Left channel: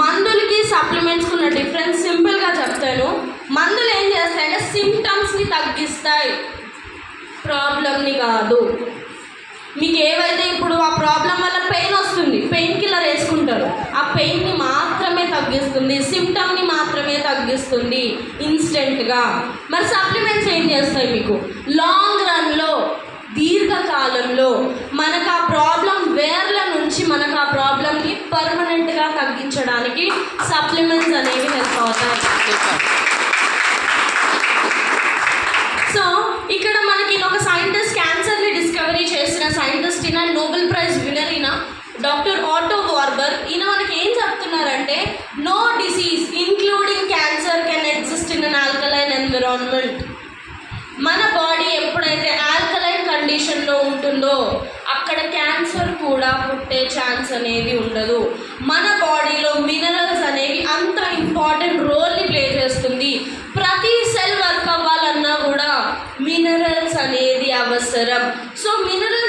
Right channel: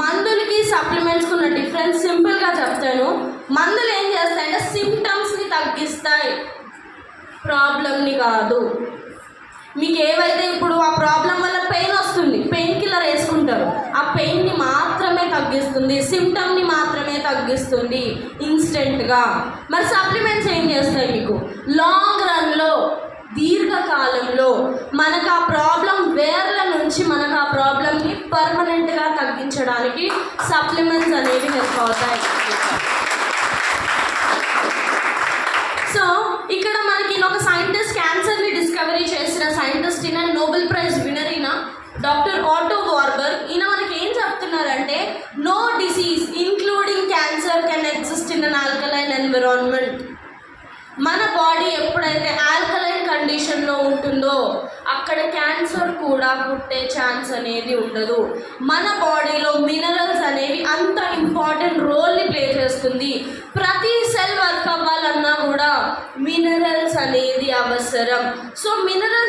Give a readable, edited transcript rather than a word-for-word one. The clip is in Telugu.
మందులకి సప్లిమెంట్స్కి ఉన్న డిఫరెన్స్ సింపుల్గా చెప్తాను. మందులు ఏం చేస్తాయంటే సిమ్టమ్స్ని తగ్గిస్తాయి, ప్రాబ్లమ్ని కాదు. మీకు ఏవైతే ఇప్పుడు ఆ ప్రాబ్లం వల్ల పెయిన్ వస్తుంది, పెయిన్ కిల్లర్ వేసుకుంటారు, ఆ పెయిన్ని మాత్రమే తగ్గిస్తుంది, సిమ్టమ్ని మాత్రమే తగ్గిస్తుంది ఇన్స్టెంట్గా. మరి సప్లిమెంట్స్ ఏం చేస్తాయి? మీకు లాంగ్ రన్లో, దీర్ఘకాలంలో మనకు ఆ ప్రాబ్లం వేర్ల నుంచి మనకు ఆ ప్రాబ్లంని పర్మనెంట్గా తగ్గించడానికి సప్లిమెంట్స్ అనేవి హెల్ప్ అవుతాయి. సో ఇక్కడ మనకి ఒక సైంటిస్ట్, క్యాన్సర్ని డిస్కవరీ చేసిన సైంటిస్ట్ ఈయన, నోబెల్ ప్రైజ్ విన్నర్ ఈయన, డాక్టర్ ఆటో వార్బర్గ్. ఈయన మనకి ఏం చెప్తున్నారంటే, no disease including cancer can exist in an alkaline environment. మన బాడీ ఎప్పుడైతే ఆల్కలైన్ కండిషన్లో ఉంటుందో అక్కడ క్యాన్సర్ కూడా పుట్టే ఛాన్స్ అనేది ఉండదు. మన బాడీలో మినరల్స్ అనేవి అంత ఇంపార్టెంట్ రోల్ని ప్లే చేస్తుంది. ప్రతి సెల్ వర్క్ అవ్వాలన్నా కూడా మినరల్స్ అనేది అవసరం. So minerals